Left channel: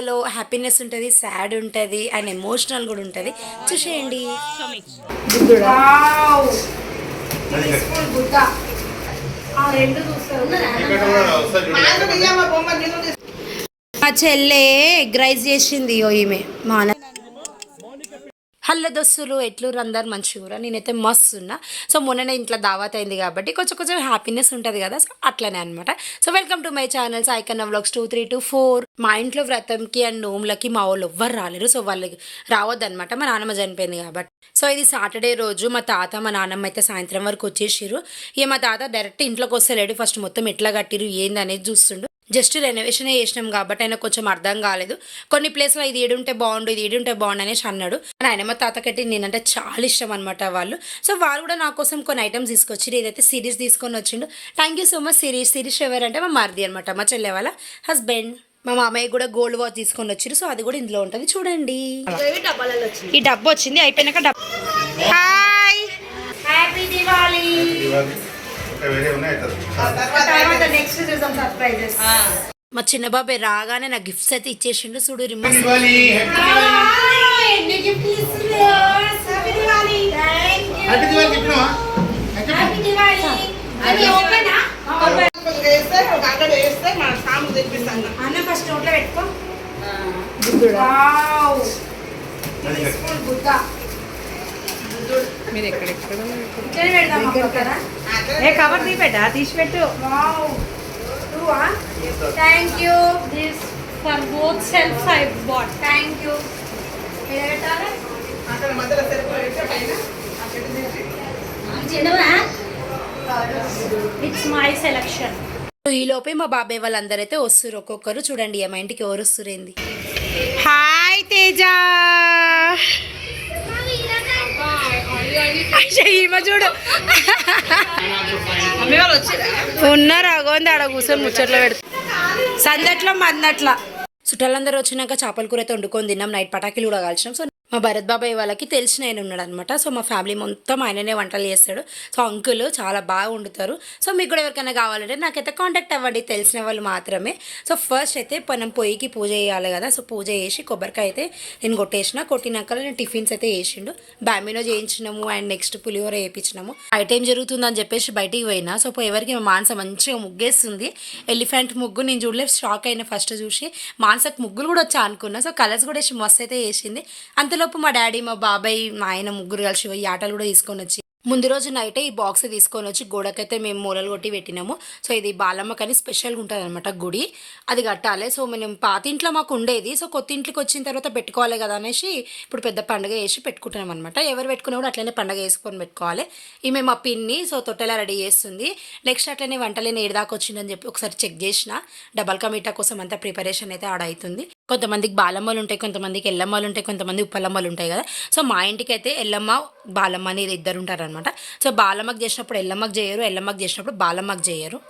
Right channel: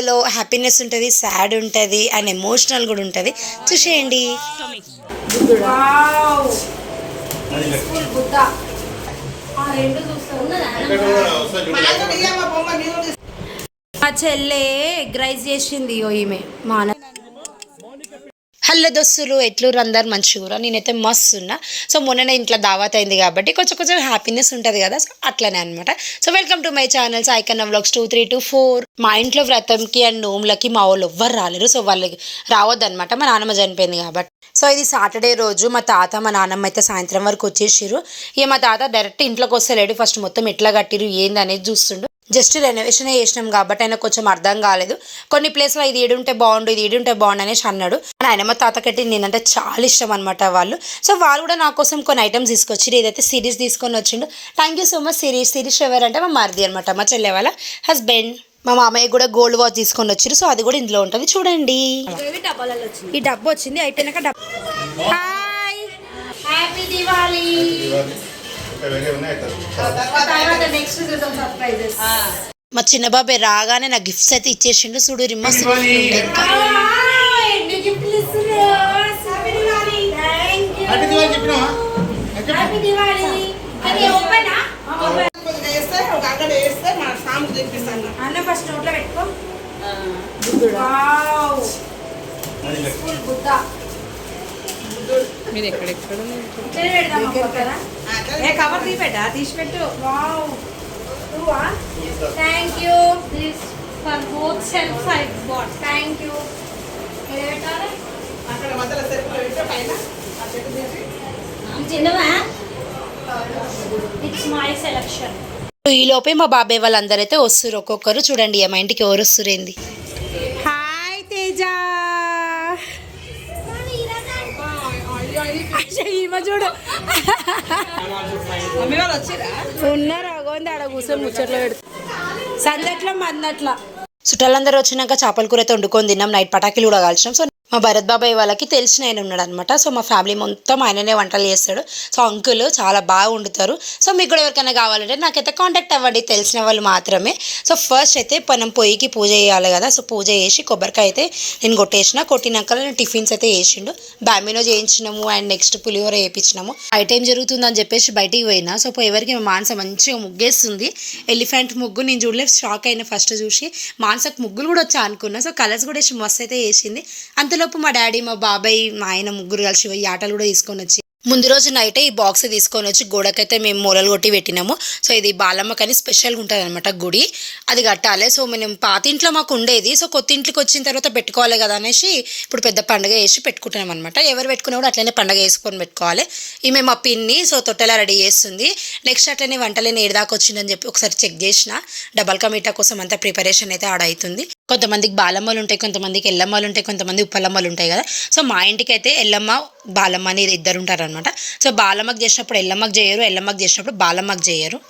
వీడియోలో హ్యాపీనెస్ ఉంటుంది సాడ్ ఉంటుంది అండ్ ఎమోషనల్ కూడా ఉంటుంది. చూసేయండి. మా చెల్లె ఎగ్ రైస్ చేసింది ఓ ఈమె. మా అన్న హలో దోస్తులు ఎట్లూరు అందరు మంచిగా నేనైతే మస్తు ఉన్నా. సో మొన్ననే ఇంట్లో దావత్ అయింది కాబట్టి కొంచెం కొంచెం హ్యాపీనెస్ ఉంటుంది కదా. సో అట్లనే అనమాట so welcome to my channels Saikanna vlogs two three two four మా ఇంట్లో వ్రతంకి అండ్ నోములకి మా వాళ్ళు ఎవ్వరు రాలేరు. సో వాళ్ళకి రావద్దనమాట మా నాన్నమ్మ చనిపోయింది కాబట్టి. సో ఇది సాటర్డే రోజు. మా తాత మా నాన్నమ్మ అయితే సాయంత్రం వరకు వచ్చేసిర్రు. ఇక మా తాత డైరెక్ట్ ఇంట్లోకి వస్తలేడు. ఫస్ట్ మొత్తం ఎట్లా కట్టిరు ఏంది అనేది చూస్తుండు. జస్ట్ రెనోవేషన్ చేసినాం కాబట్టి ఆయన కొంచెం అర్థం కాలేదు. కొన్ని ప్లేస్లో ఇది ఏడుంటే బాగుండు ఇది ఏడుంటే బాగుండు అనేసి అన్నాడు. ఆయన మా తాతకట్టి నేనంటే చాలా ఇష్టం అనమాట వాళ్ళు. సో వాళ్ళు కూడా నా కోసం కొన్ని ఐటమ్స్ తీసుకొచ్చి ఏదైతే సిరీస్ తీసుకొని వచ్చిండు. Thank you so much series series ఎవరంటే మా మరిది అనమాట మా చెల్లె వాళ్ళ హస్బెండ్ మా మామయ్య కూడా గోల్డ్ వాచ్ తీసుకొని వచ్చారు సో అది కూడా ఇందులో ఉంటుంది. చూడండి. ఈ డబ్బు వచ్చింది అయిపోయినాక డబ్బు. హాయ్ హ్యాపీ దివాళీ వేరే ఉన్నాయి కదా. తర్వాత నెక్స్ట్ చూద్దాం సర్ప్రైజెస్ మా చిన్న బాబాయ్ రాగానే నా గిఫ్ట్స్ అయితే ఇచ్చేసిండు. చూడు రిమ్మస్ అన్న ఫస్ట్ నోట్లో పెట్టుకో. బుద్ధ మీరు ఎక్కడెక్కడ ఏ కవర్ తీపెట్టా? తీసి పెట్టు వావ్. నువ్వా? Thank you this for both self I bought thank you ఏ పెట్టాలి? అక్కడ మధ్యలో సెల్ఫ్ పెట్టి పైన. ఆ చెట్టు తీసి. ఇట్స్ మై సెలెక్షన్ ఈ లోపే మా బాబాయ్ వాళ్ళందరూ అయితే వస్తారు ఒక్కొక్కరు చూడండి మా ఇంటికి ఎవరు వస్తారు ఏంది. హాయ్ తేజ. ఈమె చూడు. ఉన్నారు అగోంది ఆడ కూర్చొని ముచ్చట్లో పెడుతుంది సందట్లో మందట్లా. చుట్టాలందరూ వచ్చినాక చేపల కూర అయితే వండుకొని తిన్నాం. నైట్ పటాకులు కూడా కాల్చినాం. సో మా భరత్ బాబాయ్ వాళ్ళకి తెలిసిన ఆయన ఉన్నాడు అనమాట సో మా ఫ్యామిలీ మొత్తం ఆయననే వంటలు చేస్తాడు. సో అంకుల్ చాలా బాగా వండుతారు. సో మీకు కూడా ఎవరికైనా కావాలంటే నాకైతే కాంటాక్ట్ అవ్వండి. తెలిసిన వాళ్ళు మాత్రమే. సో ఫస్ట్ అయితే మనం పొయ్యికి పూజ చేయాలి కదా. సో పూజ చేసి కొబ్బరికాయ అయితే నేను కొట్టేసిన. కొట్టినాక నేను టిఫిన్స్ అయితే వేసిండు బామినో చేయించినాము అండ్ నెక్స్ట్ పులిహోర వేయించినాము ఐటైం జరుగుతుందని చెప్పేసి బయటికి పోయినా. సో ఎవరికి మా మానస మంచిగా ముగ్గేస్తుంది. ఎలిఫెంట్ ముగ్గు నేను చూడలేదు షాక్ అయిన ఫస్ట్ చూసి మానసకు ముగ్గులు కూడా వచ్చా అనుకున్నా. సో కలర్స్ కూడా వేసి మస్తు అయితే వేసింది. అంత అంతలోపు మా డాడీ మా బాబాయ్ మా ఆయన ముగ్గురు కలిసి ఈ ఆటలు కూడా తీసుకొని వచ్చి ముందు రోజు నైటే ఈ బాక్స్ తీసుకొని వచ్చి గోడకైతే మేము మూలలు కొట్టి పెట్టినాము. సో ఇది బాలమ్మకి అని స్పెషల్గా ఉంటుంది అనమాట గుడి. అది కట్టాలి. సో మేము పాత ఇంట్లో మాకు ఉండేది. సో కొత్త ఇంట్లోకి వచ్చిన తర్వాత పెట్టుకోవాలి కదా అనేసి ఇప్పుడు పెద్ద పండుగ వేసి పెట్టుకుంటున్నాం అనమాట ఎవరు పెట్టుకున్నా కూడా అట్లనే పండుగ వేసుకొని పెట్టుకోవాలి. ఈమె మా పిన్ని సో తొట్టెలా రెడీ చేస్తుంది. నెక్స్ట్ అట్లనే వంటలేని ఏడాకి వచ్చిందని చెప్పి ఒకసారి చెక్ చేసిన. డబల్ కమీటా కోసం అంతా ప్రిపరేషన్ అయితే ఆడ అవుతుంది. కొంతమందికి బాలమ్మలు ఉంటాయి కొంతమందికి ఎల్లమ్మలు ఉంటాయి కొంతమంది ఉప్పలమ్మలు ఉంటాయి కదా. సో మా ఇంటికి అయితే ఎల్లమ్మ బాలమ్మ అనేది ఇద్దరు ఉంటారనమాట సో బాలమ్మకి చేసినప్పుడు ఎల్లమ్మకి చేయరు ఎల్లమ్మకి చేసినప్పుడు బాలమ్మకి చేయరు.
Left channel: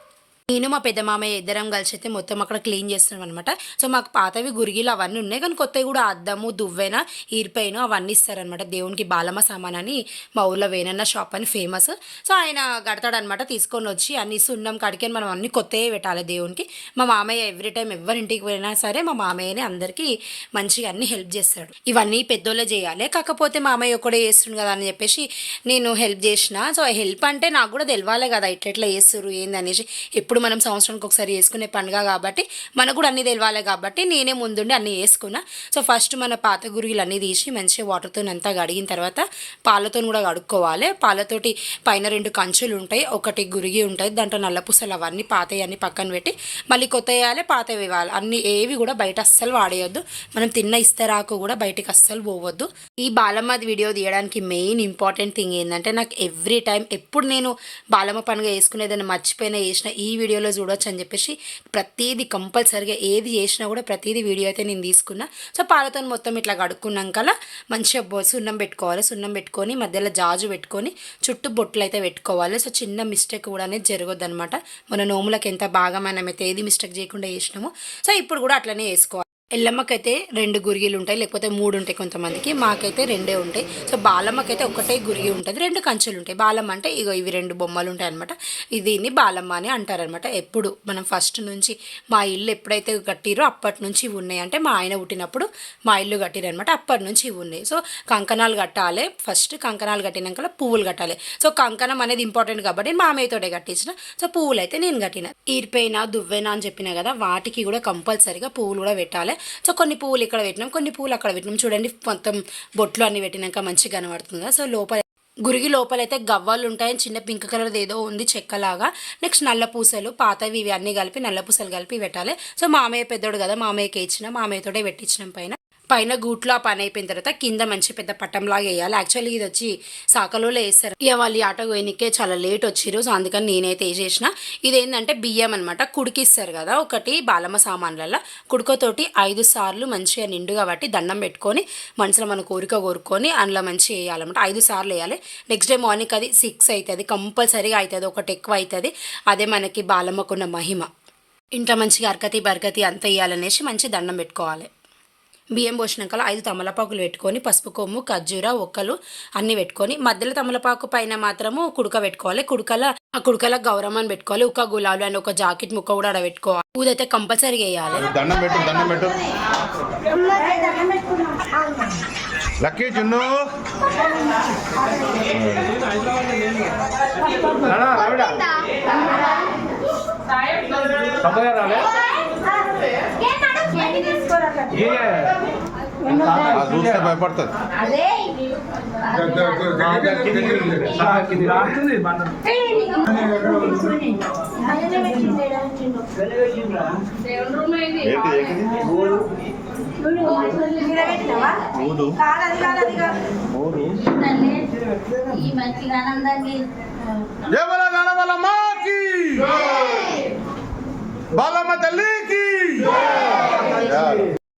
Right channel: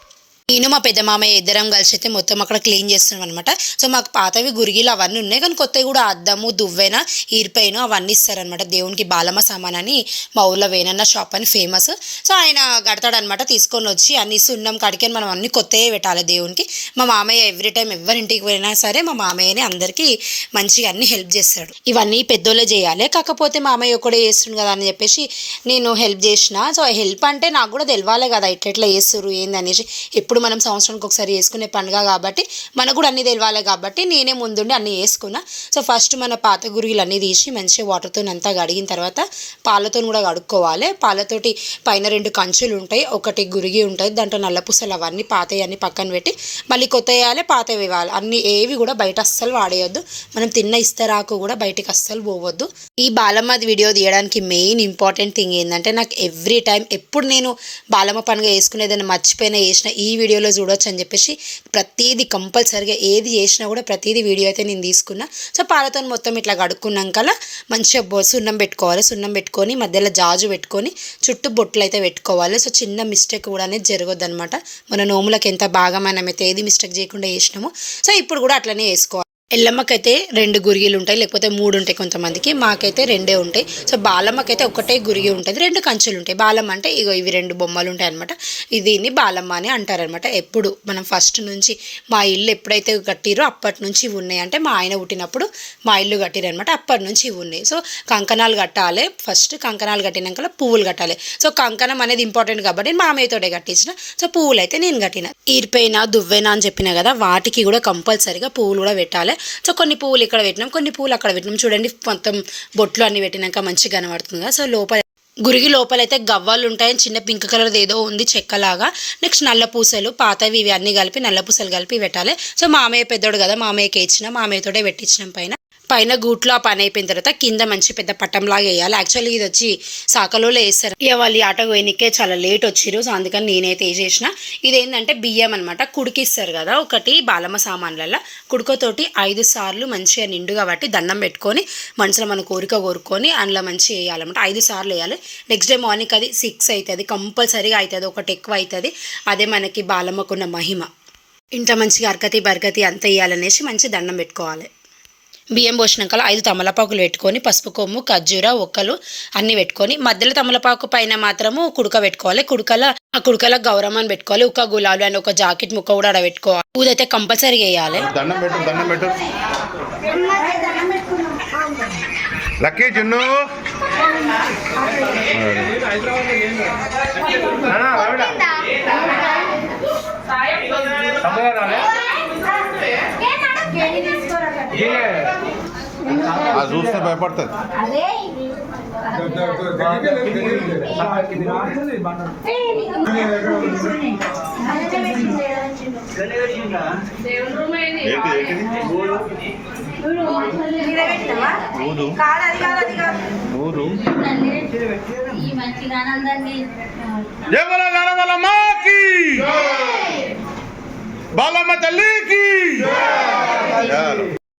నేను మా పెద్ద మామయ్య ఇద్దరం కలిసి అయితే మొత్తం అక్కడ క్లీన్ చేస్తున్నాం అనమాట సో మాకు పాతవి గురిగిలు అవన్నీ ఉన్నాయి. కానీ కొత్తవి కూడా అద్దము దువ్వెన ఈర్పైన అవన్నీ ఇస్తారనమాట దేవునికి బాలమ్మ సామాన్ అని మా ఊర్లో వేనన్న షాప్ అని ఫేమస్. సో ఆయన కడతాడనమాట తీసుకొని వచ్చి అన్ని సున్నం కడికి మనం అన్ని కొత్తవి పెట్టాలి దేవునికి. మా మామయ్య ఎవ్రీ టైం ఎవరింటికి పోయినా సరే మా మామయ్యనే అందరికీ మంచిగా అన్ని హెల్ప్ చేస్తాడు. ఇవన్నీ పెద్దోళ్ళే చేయాలి. కాకపోతే మామయ్య ఒకడే చేస్తుండు కదా అని చెప్పేసి నేను హెల్ప్ చేసిన. సో హెల్ప్ అంటే నాకు కూడా తెలియాలి కదా ఎట్లెట్లా చేస్తారు ఏందనేసి ఎప్పుడు మనం సంవత్సరానికి ఒకసారి చేసుకునే పండుగ కాబట్టి మనకు కూడా అన్ని తెలియాలి కాబట్టి నేనే ముందుండి అన్నీ వేసుకున్నా సో ఫస్ట్ మన పాత గురుగులు అన్నీ తీసి మంచిగా వాటర్తో అంతా కడిగిన తర్వాత పాలతో కూడా కడుక్కోవాలి. పాలతోటి పైన రెండు కంచులు ఉంటాయి. ఒకటి గురిగి ఉంటుంది దాంట్లో నల్లపూసలు అవన్నీ పాతవి అన్ని పక్కన పెట్టి మళ్ళీ కొత్త వేయాలి పాత వేయాలి. అన్ని ఏవి కూడా బయట అస్సలు వాడేయొద్దు. మనం తిన్న ఇస్తరాకు కూడా బయటికి అస్సలు పోవద్దు. ఈ బాలమ్మ వీడియో తీయడానికి మెయిన్ ఇంపార్టెంట్ థింగ్ ఏంటంటే నాకు ఎవ్రీ టైం ఎప్పుడు నేను బాలమ్మ పండుగ వేసుకునేదని మర్చిపోయినా చేసిన ఈ వీడియో వీడియోలో చూడొచ్చు అని చెప్పేసి ప్రతిదీ కంపల్సరిగా ఏది చేసినా కూడా ప్రతిదీ వీడియో అయితే నేను తీసుకున్నా. సో పాలతో మొత్తం ఇట్లా కడుక్కున్నాక మంచిగా సున్నం పెట్టుకోవాలి. సున్నం పెట్టుకొని మధ్యలో జాజు పెట్టుకొని చుట్టూ బొట్లు అయితే పెట్టుకోవాలి. సో చిన్న మిస్టేక్ కూడా అనేది జరగదు అనమాట మన నోములకు ఎంత బాగా మనం అయితే ఏది మిస్టేక్ చేయకుండా చేసినామో. సో ఇప్పుడు కూడా అట్లనే వేసుకోవాలి ఎల్లమ్మకైతే రెండు గురిగిలు ఉంటాయి లేకపోతే మూడు ఉంటాయి కొంతమందికి. మాకైతే రెండే ఉంటాయి. సో బాలమ్మకైతే ఒకటే గురిగి ఉంటుంది. రెండు కంచెలు ఉంటాయి. బాలమ్మ అంటే ఇగో ఇవి రెండు బొమ్మలు ఉంటాయి అనమాట దీన్ని బాలమ్మ అని అంటారనమాట ఎప్పుడు మనం ఫస్ట్ నుంచి మా ఇల్లు ఎప్పుడైతే కట్టిరో అప్పటి నుంచి ఇవి ఉన్నాయి. అంటే మా ఆయన పుట్టినప్పుడు మా ఇల్లు కట్టిరనమాట అప్పటి నుంచి ఇవి ఉన్నాయి. సో కంకణాలు కట్టాలి. ఫస్ట్ కంకణాలు కట్టినాక పువ్వులు కట్టాలి. సో కంకణం అనేది ఇంపార్టెంట్ కాబట్టి మామయ్యతోటే కట్టించిన. సో పువ్వులు అయితే నేను కట్టిన. ఈర్పైన దువ్వెన అని చెప్పిన కదా వాటికి కూడా కంపల్సరీగా పువ్వులు కూడా పెట్టాలి. సో కొన్ని పువ్వులు ఇక్కడ పెట్టినాం కొన్ని పువ్వులు అక్కడ పెట్టినాం. చూడండి మొత్తం బొట్లు అన్ని పెట్టినాక మంచిగా కనబడుతుంది కదా. సో లోపల గురిగి లోపలైతే గవ్వలు ఉంటాయని చిన్న పింక్ కలర్ ఏదో ఉంది చెక్కలాగా. నెక్స్ట్ నల్ల పూసలు పాతవి ఇవి అన్నీ కలిపి నల్ల పూసలు కలిపి పెట్టాలి. సో మామయ్య పెద్దోడు కదా మామయ్యకి ఇచ్చిన మామయ్యతోటే పెట్టించినాం పైన. పైన గూట్లో ఆ పని అయిపోయిన తర్వాత కింద మంచి పెద్ద పట్టంలాగా వేయాలి. యాక్చువల్లీ ఇది వచ్చి సాకలో వేస్తారు ఇక వాళ్ళు ఆట పోయినకే చాలా లేట్ వచ్చిరు సో అందుకని నేనైతే వేసేసిన ఇది ఏంటంటే బియ్యం అనమాట కుడికిస్తారు కదా ఒకటి బాలమ్మ సామాన్లలో కుడుకతోటి ఐదు సార్లు మంచిగా నిండుగా కాబట్టి దండం పెట్టుకొని మనసులో మన కోరిక కోరుకొని అందులో మంచిగా వేయాలన్నమాట. ఐదు సార్లు వేయాలి. నెక్స్ట్ డే మార్నింగ్ అది సిక్స్ అవుతుంది కంపల్సరీగా అవుతుంది ఒకటి ఎక్కువ అవుతుంది అదే మనకి బాలమ్మకున్న మహిమ. ఇంట్లో మంచిగా అరకతి బరకతి అంత వేయాలనేసి మంచి దండం పెట్టుకోవాలి. బియ్యం పోసినాక ఐదు తమలపాకులు పెట్టుకొని పసుపు కొమ్ము ఖర్జూర ఒక్కలు అన్నీ పెట్టుకొని మధ్యలో తమలపాకు పైన మాత్రము కుడుక పెట్టుకోవాలి. కుడుకల ఆ కుడుకల గౌరమ్మని పెట్టుకోవాలి. ఒక గులాబీ అని ఒక జాకెట్ ముక్క కూడా ఆడ పెట్టుకోవాలి. ఊదైతే కంపల్సరీగా వేయాలి దండం ఆ చూస్తే భయపడుతుంది. ఊరు ఈ మంచిగా ఆనందాన్ని ఎవర నడవలమ్మకి బాలమ్మ తల్లికి?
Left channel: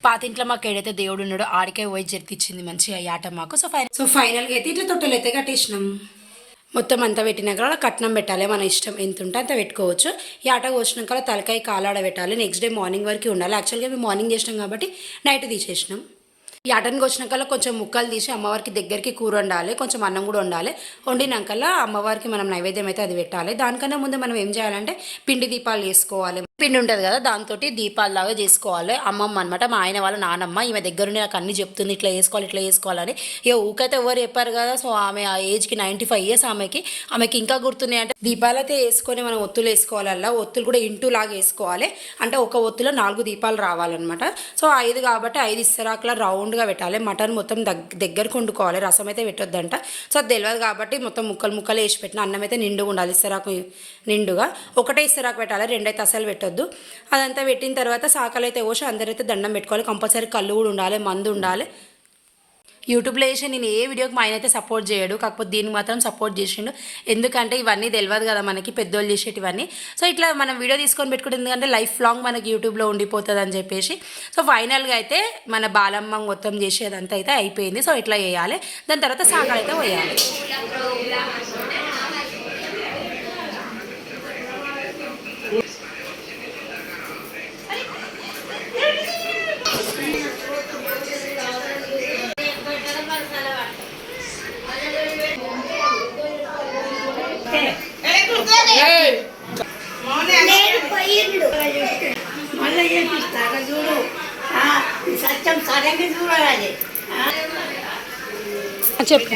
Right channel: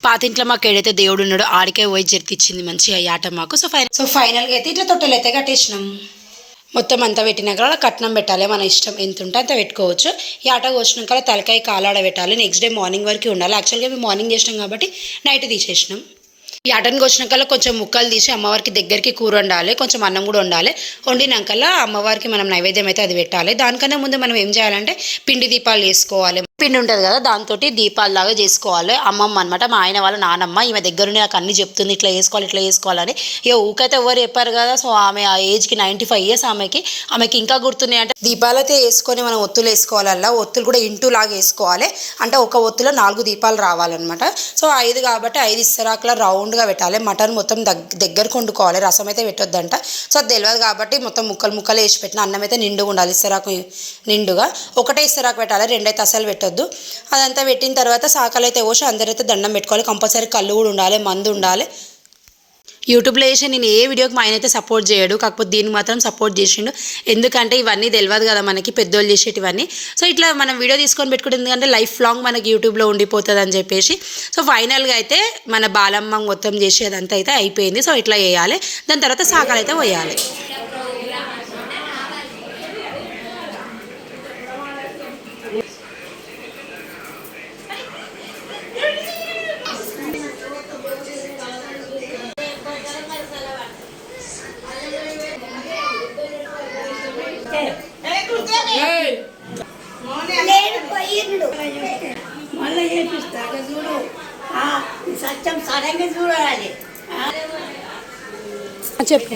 పాతింట్లో మాకు ఏడైతే దేవుడు ఉన్నాడో ఆడికే పోయి జరిపించింది మంచిగా ఈ ఆట మాకు. సో ఫైనల్ సో ఫైనల్గా అయితే ఇట్లా తొట్టెలు అయితే కట్టేసినాం. మొత్తం అంతా పెట్టినాక అలా కట్నం పెట్టాలి మన ఇష్టం ఎంత ఉంటే అంత పెట్టుకోవచ్చు. ఈ ఆట కోసినాక తలకాయ కాలాడ పెట్టాలి నెక్స్ట్ డే మార్నింగ్ వరకు ఉండాలి. యాక్చువల్గా మేము మార్నింగ్ చేసినాం కాబట్టి నైట్ తీసేసినాం. ఈ ఆటను కోసినాకల్లా కొంచెం ముక్కలు తీసి అమ్మవారికి దగ్గరికి కూర వండాలి కొంచెం అన్నం కూడా వండాలి. వండినాకల్లా అమ్మవారికి మనం నైవేద్యం అయితే అది పెట్టాలి. దానికన్నా ముందు మనం ఏం చేయాలంటే పిండి దీపాలు వేసుకోవాలి. పిండి ఉంటుంది కదా దాంతో దీపాలు లాగా చేసుకోవాలి. అమ్మమ్మ అనమాట మా ఆయన వాళ్ళ నానమ్మ ఈమె దగ్గరుండి నాకు అన్ని చెప్తుంది ఇట్లా వేసుకోవాలి ఇట్లా వేసుకోవాలని ఇక ఊకైతే ఎవరు చెప్పారు కదా సో ఆమె ఆ ఏజ్కి నైంటీ ఫైవ్ ఇయర్స్ ఆమెకి. ఆమెకి ఇంకా గుర్తున్నాయి అంటే దీపాలు అయితే వేసుకొని మనం ఒత్తులు వేసుకోవాలల్లా ఒత్తులు కూడా ఇంటూ లాగా వేసుకోవాలి. అంటే ఒక ఒత్తులో నాలుగు దీపాలు రావాలన్నమాట. సో ఐదు కాబట్టి ఐదు ఇస్తరాకులా రౌండ్గా పెట్టాలి. మటన్ మొత్తం దగ్గ దగ్గరకు వండుకోవాలి రసం అయితే పెట్టొద్దంట. సో అది తెలియదు కాబట్టి మొత్తం ముక్కలు ముక్కలు వేసి పెట్టిన అన్నం అయితే నిండుగా ఉండాలి ఇస్తరాకు నిండుగా. ఒకటే ఇస్తరాకు పెట్టాలి రెండైతే అసలు పెట్టొద్దు. అదంతా పెట్టిన తర్వాత సాకలు అయితే పోసి అందరైతే దండం పెట్టుకోవాలి. కంపల్సరీ కళ్ళు కూడా ఉండాలి మందు ఉండాలి. యూట్యూబ్లో చేసి నేను ఏ వీడియోకి మా ఆయన అయితే సపోర్ట్ చేయడు. కాకపోతే దీనికి మాత్రం సపోర్ట్ చేసిండు. ఎందుకంటే ఇవన్నీ తెలియదు కదా మనకి పెద్దోళ్ళు చేసేటివన్నీ. సో ఇట్లా మనం వీడియో తీసుకొని పెట్టుకుంటే ఎందుకంటే లైఫ్ లాంగ్ మనకి యూట్యూబ్లో ఉండిపోతుంది అని చెప్పేసి. సో ఫైనల్గా అయితే మన బాలమ్మ మొత్తం చేసేదంతా అయితే అయిపోయింది. సో ఇట్లా చేయాలి. దాని తర్వాత సాకాలు అయితే పోయాలి మళ్ళీ చేపిస్తాక చూడు ఆ, సత్యం సరంగా చూడాలి చెప్పు.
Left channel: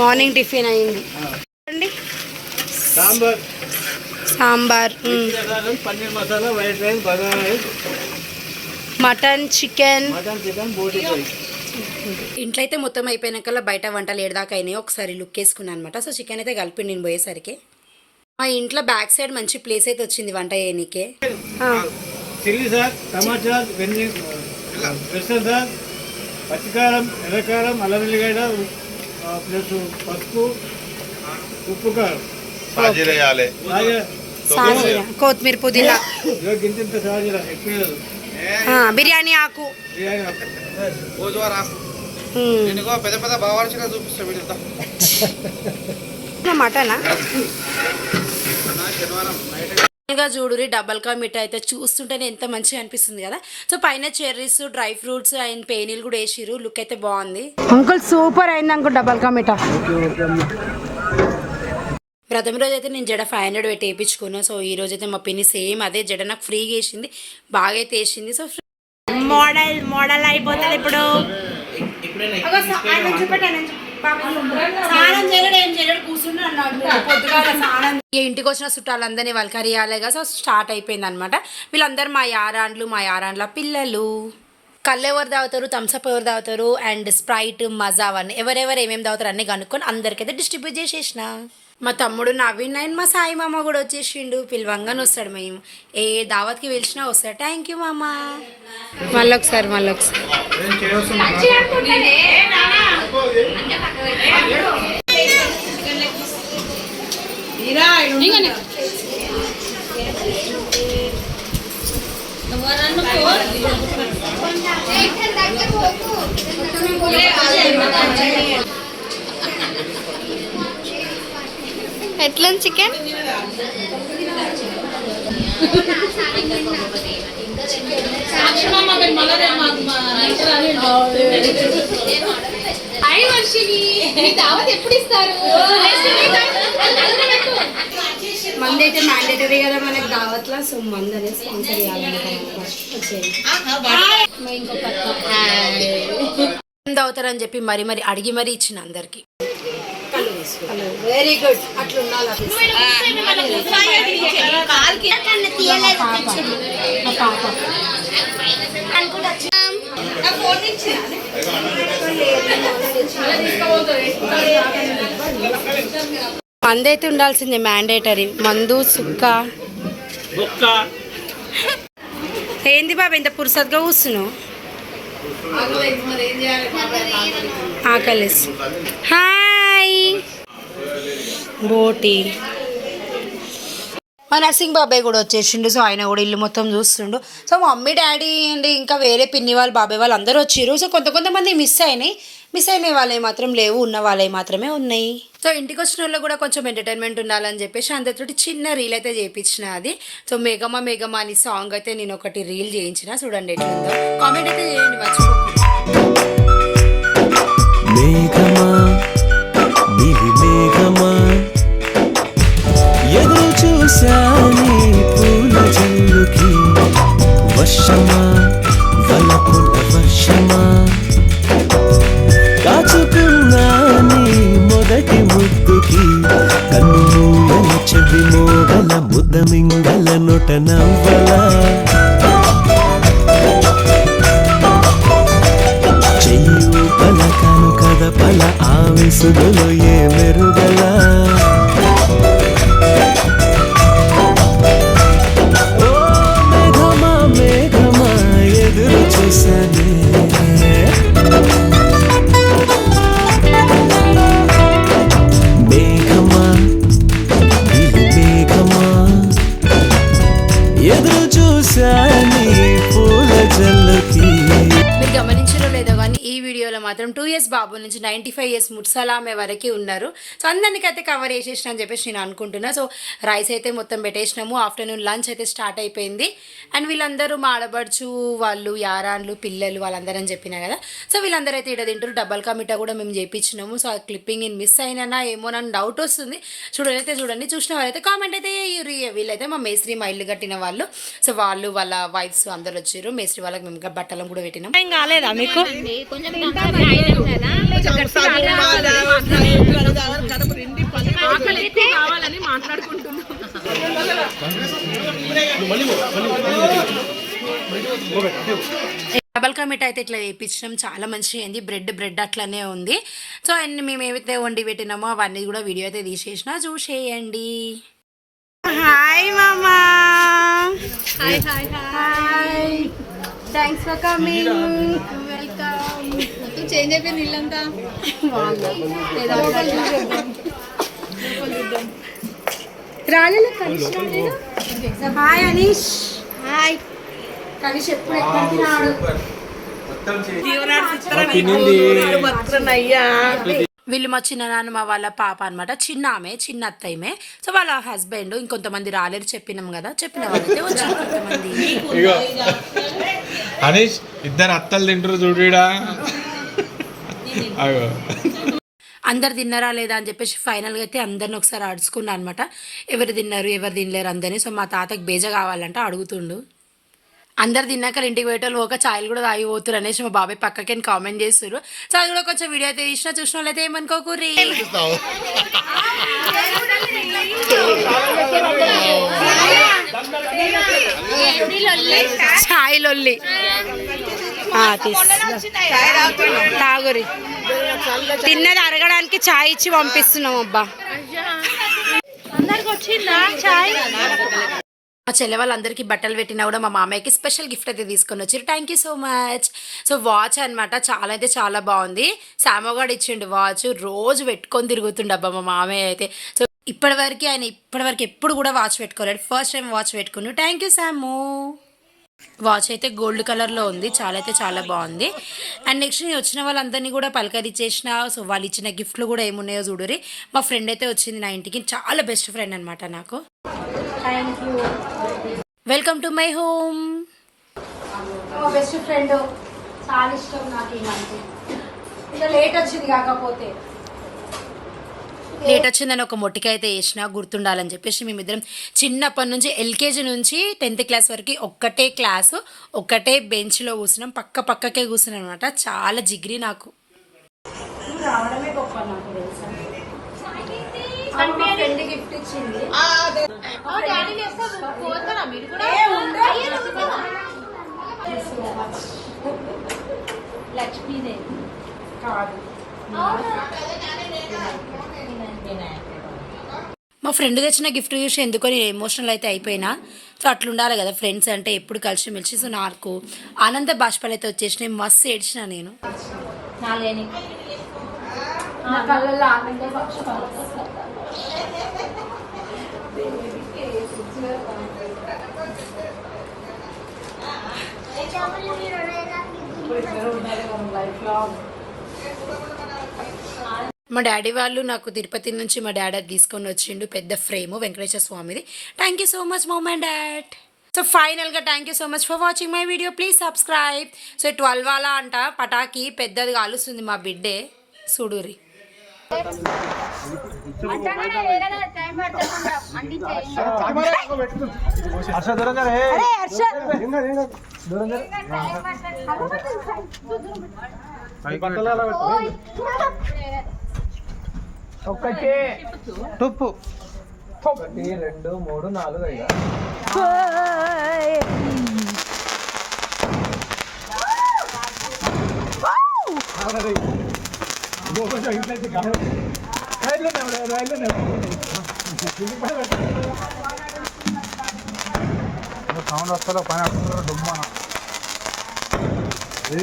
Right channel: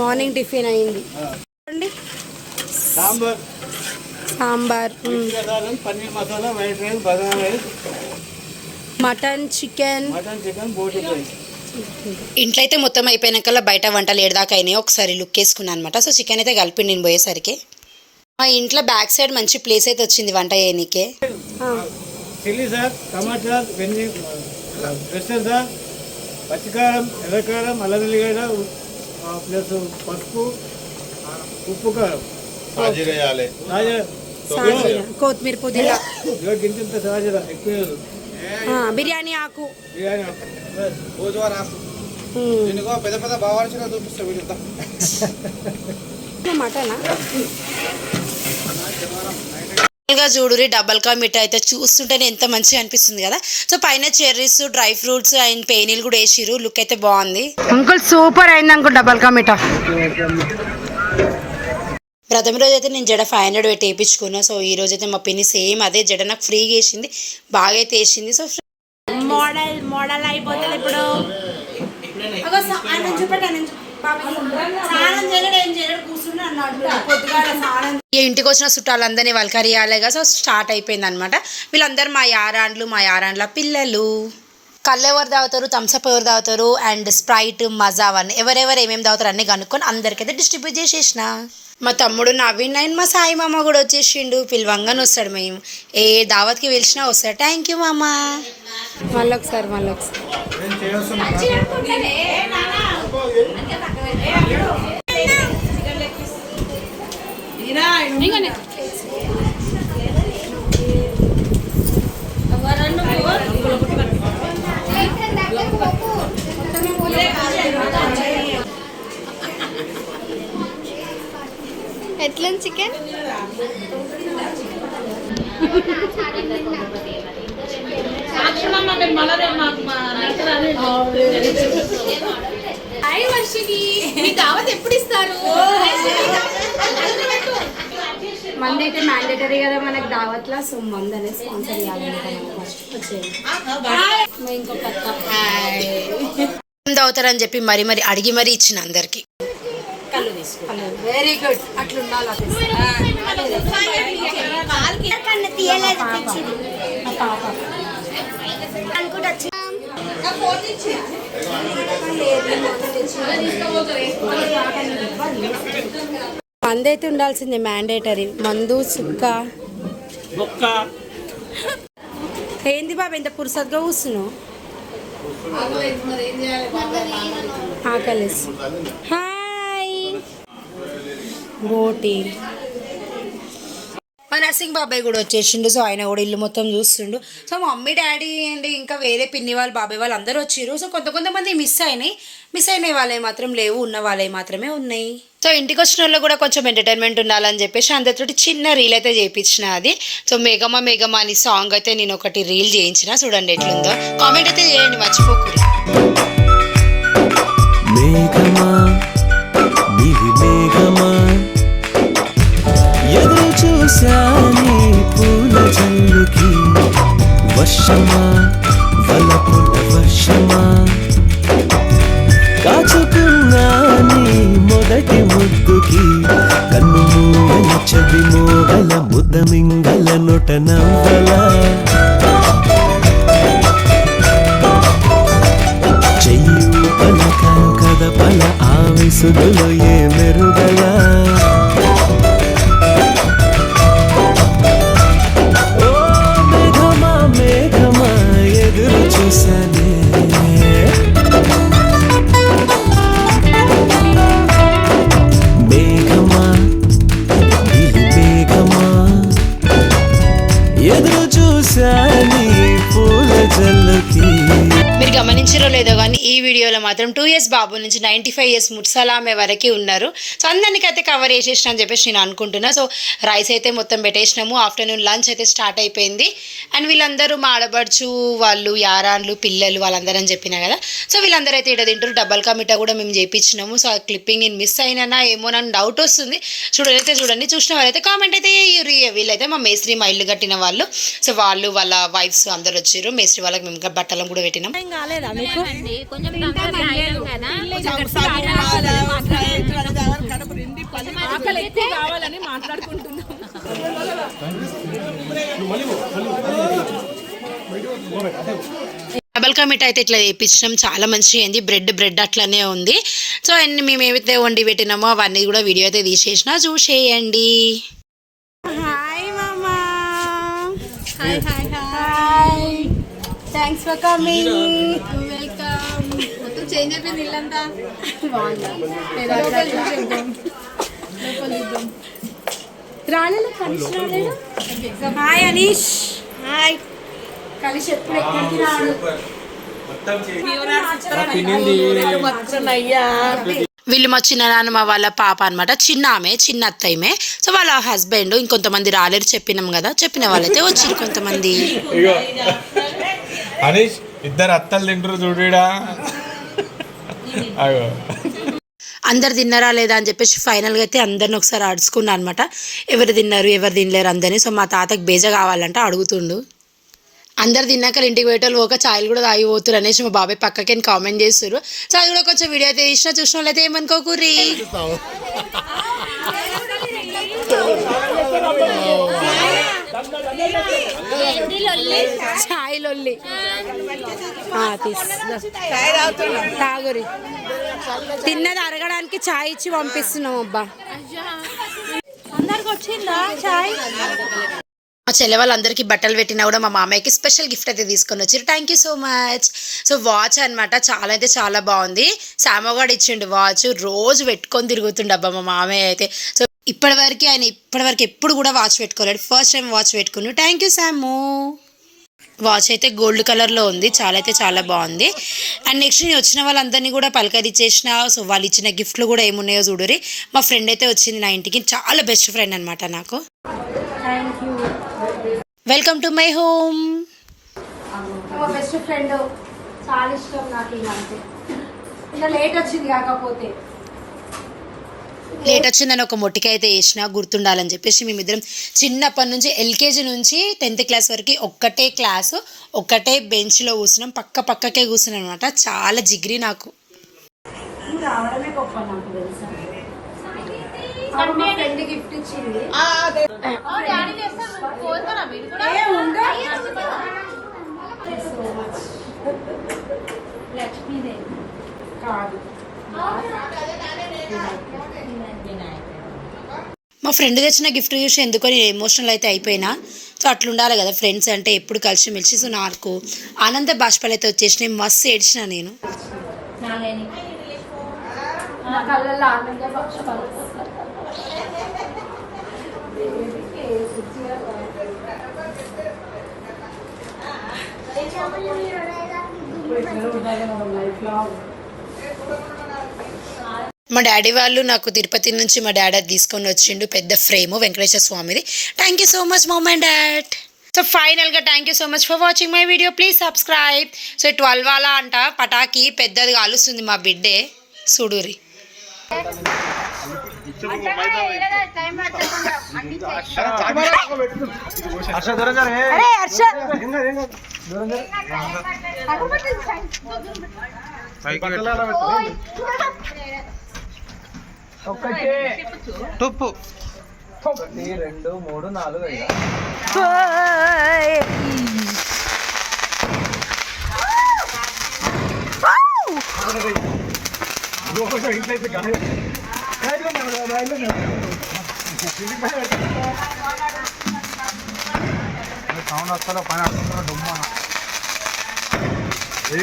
మార్నింగ్ టిఫిన్ అయింది. అండి sambar. Sambar paneer masala white rice bagara rice. Mutton chicken. ఇంట్లో అయితే మొత్తం అయిపోయినాకల్లా బయట వంటలు ఏడదాకా అయినాయి. ఒకసారి లుక్ వేసుకున్నాను అనమాట సో చికెన్ అయితే కలిపి నేను పోయేసరికి. మా ఇంట్లో బ్యాక్ సైడ్ మంచి ప్లేస్ అయితే వచ్చింది వంట చేయనీకే. పచ్చికారం ఎర్రకారం అల్లం ఎల్లిగడ్డ ప్లస్ పసుపు ఉప్పు కారం. కొత్తిమీర పుదీనా. బిర్యానీ ఆకు. పెద్ద పెద్ద బాగా చూపిస్తా వీడితో. మటనా? గా చూడురి డబల్ కా మిఠాయి అయితే చూస్తుంటేనే ఎంత మంచిగా అనిపిస్తుంది కదా. సో పైన చెర్రీస్ డ్రై ఫ్రూట్స్ అండ్ పేనీలు కూడా వేసిరు లుక్ అయితే బాగుంది. అంకుల్ సూపర్ అయింది అంకుల్ డబల్ కా మిఠా ప్రథమ రోజు అయితే నేను జడ ఫైవ్ హండ్రెడ్ పెట్టి వేయించుకున్నా. సో ఈ రోజు అయితే మా పిన్ని సేమ్ అదే జడ నాకు ఫ్రీగా వేసింది. బాగా అయితే వేసింది. సో మోడల్ మోడల్ అయిపోతుంది ఇప్పుడు. ఇంటికి వచ్చిన చుట్టాలందరినీ వల్కరియాలిగా. సో స్టార్ట్ అయిపోయింది అనమాట వీళ్ళందరూ మా యారాండ్లు మా యారాండ్ల పిల్లలు. కళ్ళు ఎవరు తాగుతారు థమ్స్అప్ ఎవరు తాగుతారు అండ్ స్ప్రైట్ మజా అవన్నీ ఎవరెవరు ఏమేమి తాగుతారు అన్నీ కనుక్కొని అందరికైతే డిస్ట్రిబ్యూట్ చేసేసిన. మా తమ్ముడు నవీన్ అండ్ మా సాయి మామ కూడా వచ్చేసిండు పిలవంగానే వస్తాడు మేము ఏ దావత్కి పిలిచినా వస్తాడు థ్యాంక్ యూ మామ మళ్ళీ ఒకసారి మళ్ళీ ఎట్లా చికెన్ మంది అయితే మ్యాండేటరీ కదా మనకి దావత్లా సో మంది అనేది స్పాన్సర్ చేయాలనుకుంటున్నాం ఇంకో పక్క. తాగుతారని చెప్పి మరి మరి అడిగి మరి ఇచ్చిన అందరికి. వెరీ గుడ్ అట్లా ఉండాలి మా పాప. మందు అయితే ఉండాల్సిందే మ్యాండేటరీ మందు సుక్క. ఏంది బాబా ఇంత పురుసత్గా కూర్చున్నావు? ఆకలిస్ హాయ్. బోటి మా నర్సింగ్ బాబాయ్ కూడా వచ్చేసిండు సో ఆయన కూడా ఇల్లు మొత్తం చూస్తుండు. సో మమ్మీ డాడీ అండ్ ఇంకా వేరే పిన్ని వాళ్ళు బాబాయ్ వాళ్ళు అందరూ వచ్చిర్రు. సో కొంత కొంతమంది మిస్ అయినాయి. మిస్ అయిన వాళ్ళే మాత్రం లేవు ఉన్న వాళ్ళే మాత్రమే ఉన్నాయి. సో ఇంటికి వచ్చిన వాళ్ళు కూడా కొంచెం ఎంటర్టైన్మెంట్ ఉండాలని చెప్పేసి అందరితోటి చిన్న రీల్ అయితే చేయించిన అది. సో మేఘమా మేఘమా అని సాంగ్ అయితే నేను ఒకటి రీల్ చేయించిన. చూడండి ఎట్లుందో. కామెంట్ అయితే చేయండి మర్చిపోకూడదు. మేఘమా వర్షమా? వలపుల వర్షమా? కాచుకున్నాని మొదటి ముద్దుకి కన్ను మూయన చెవి మోగల ముద్ద మింగల నొట నవ్వలా? చెయ్యు పలకను కద కదపల ఆవిసుగులో ఏ మెరుగల? బాబు నుంచి నైంటీ ఫైవ్ ఇయర్స్ ముట్సలామే వరకు ఉన్నారు. సో అందరికైతే కవర్ చేసేసిన అని చెప్పేసి నేను అనుకుంటున్నా. సో రైస్ అయితే మొత్తం పెట్టేసినాము. ఆఫ్టర్నూన్ లంచ్ అయితే స్టార్ట్ అయిపోయింది. అండ్ వీళ్ళందరూ మా ఆడబడుచు వాళ్ళు యారాన్లు పిల్లలు వాళ్ళందరూ అని చెప్పినా కదా. సో వీళ్ళందరూ అయితే ఇక్కడ తింటారు డబల్ కా మిఠా కూడా మేము చేయించినాము సో ఆ క్లిప్పింగ్ నేను మిస్ అయినా ఏమో నన్ను డౌట్ వస్తుంది. చూడనైతే చూడండి. చూసిన వాళ్ళైతే కామెంట్ అయితే. వీళ్ళైతే మా మేస్త్రి మా ఇల్లు కట్టిన వాళ్ళు. సో వాళ్ళు వాళ్ళ వైఫ్స్ అందరు వచ్చారు మేస్త్రి వాళ్ళకి మేము ఇంకా బట్టలను కూడా పెట్టినాం. ఏం కాలేదా మీకు? డబల్ కా మిఠాయి అయితే ఇట్లా వేయించడం చాలా మంచిగా అయింది. బ్రెడ్ బ్రెడ్ అట్లనే ఉంది. సో అన్ని మేము ఏవైతే వండి పెట్టినామో అవన్నీ కూడా వీడియో అయితే తీసేసిన చూసేయండి. హాయ్ మామా. Hi hi thanks for coming welcome change అయిపోయింది ఇల్లంతా. రాలేదు హాయ్ అనీష్ హాయ్ కనిష్ ఎప్పుడు ఎక్కడికి రాడు? వీళ్ళు మా వాళ్ళ పాప అనమాట చిన్న ఆమె చిన్న అత్తయ్యమే. సో వాళ్ళ హస్బెండ్ ఇంకొంతమంది రాలేరు చెప్పినాం కదా. చెప్పిన వాళ్ళైతే వచ్చారు కొంతమంది. హరీష్ ఇద్దరు అత్తలు తింటారు చూడుడా అగో. అందరు తిన్నారా లేదా అని చెప్పేసి ఫైనల్గా అయితే అందరిని ఒకసారి అడుచుకున్నా అనమాట ఎవరు తిన్నారు ఎవరు తినలేరు అందరినీ. సో మా తాతకు బేజ కావాలంటే అడుగుతుండు. అందరు తిన్నాక ఇంటికి పోయేటోళ్ళు ఒక ఛాయలు కూడా తాగి పోతురు అనేసి మా బాబాయ్ పక్కకి కామెంట్ చేస్తారు సో అది కూడా కొంచెం వీడియో అయితే తీసినా చూసిన అయితే ఏమనుకోకూరి ఛాయ్ లొల్లి తాగురి తిన్నది అరగడానికి ఛాయ్ ఇచ్చి పంపిస్తున్నాం అబ్బా. అందరికి వచ్చిందా చాయ్? మా చెల్లె వాళ్ళందరికీ బట్టలు పెట్టినా కూడా మా మామయ్యకి స్పెషల్ గిఫ్ట్ అయితే తీసుకొని వచ్చారు. Thank you so much so watch అనమాట చాలా అయితే చాలా బాగుంది. సామగాడు ఇచ్చిండు వాచ్ రోజు పెట్టుకొని తిరుగుతుండే అబ్బా మా మామయ్య అయితే. సో ఇప్పటివరకు ఆయన ఇప్పటివరకు ఎప్పుడు కూడా వాచ్ పెట్టుకోలేడు. ఫస్ట్ టైం వాచ్ పెట్టుకుని థ్యాంక్ యూ సాము వాచ్ అయితే గోల్డ్ కలర్లో ఉంది. చాలా అయితే చాలా బాగుంది. అండ్ నెక్స్ట్ నేను వచ్చిన వాళ్ళందరినీ కూడా పలకరించేసిన సో వాళ్ళు ఇచ్చిన గిఫ్ట్లు కూడా ఏమున్నాయో చూడరి మా ఫ్రెండ్ అయితే వచ్చింది నా ఇంటికి. చాలా బెస్ట్ ఫ్రెండ్ అనమాట నాకు. Welcome to my home best friend చాలా ఇష్టం నాకు లేట్ వచ్చింది కాకపోతే. లేట్ వచ్చిందని ఒక మొట్టికాయ అయితే వేసిన గుర్తుండాలని చెప్పేసి మేమిద్దరం చిన్నప్పటి నుంచి ఎల్కేజీ నుంచి టెన్త్ క్లాస్ వరకు ఒక్కటే క్లాసు ఒక్కటే బెంచ్లో కూర్చున్నాం. పక్క పక్కకే కూర్చున్నాం అనమాట చాలా జిగ్రి నాకు. గిఫ్ట్ ఇచ్చింది. లక్ష్మీదేవి. కాదు. మా ఫ్రెండ్ తెచ్చిన గిఫ్ట్ చూసి ఎందుకో నేను ఎమోషనల్ అయితే అయిపోయినా. సో అట్లా ఉండాలి కదా ఫ్రెండ్స్ అంటే ఎప్పుడు కలిసి మెలిసి సో నాకు ఆనంద బాష్పాలు అయితే వచ్చేసినాయి మస్తు ఏడ్చిన నేను. నాలేని నా కళ్ళల్లో ఆనంద పక్షపాలు మా డాడీ వాళ్ళు నాకు తిరుపతి నుంచి మా డాడీ అది తీసుకొని వచ్చిండు పెద్ద ఫ్రేమ్ వెంకటేశ్వర స్వామిది thank you so much mom and dad so ఫైనల్గా thank you so much for watching my video please subscribe so twelve అలా అంట పటాకి పెద్దది కాలుస్తుంది మా బిడ్డే చూడురి హర్ష దూరం జర, హే. ఏం కాదు, ఏం కాదు. దూరం జర. బట్టలు ఎలా పెట్టు? ఒకటి తుప్పు ఒకటి రెండు మూడు నాలుగు ఐదు ఇంట్లో అయితే గాలి రైల్లో నా- రైల్లో నా- సౌండ్ వస్తుందో పైన డుమ్మా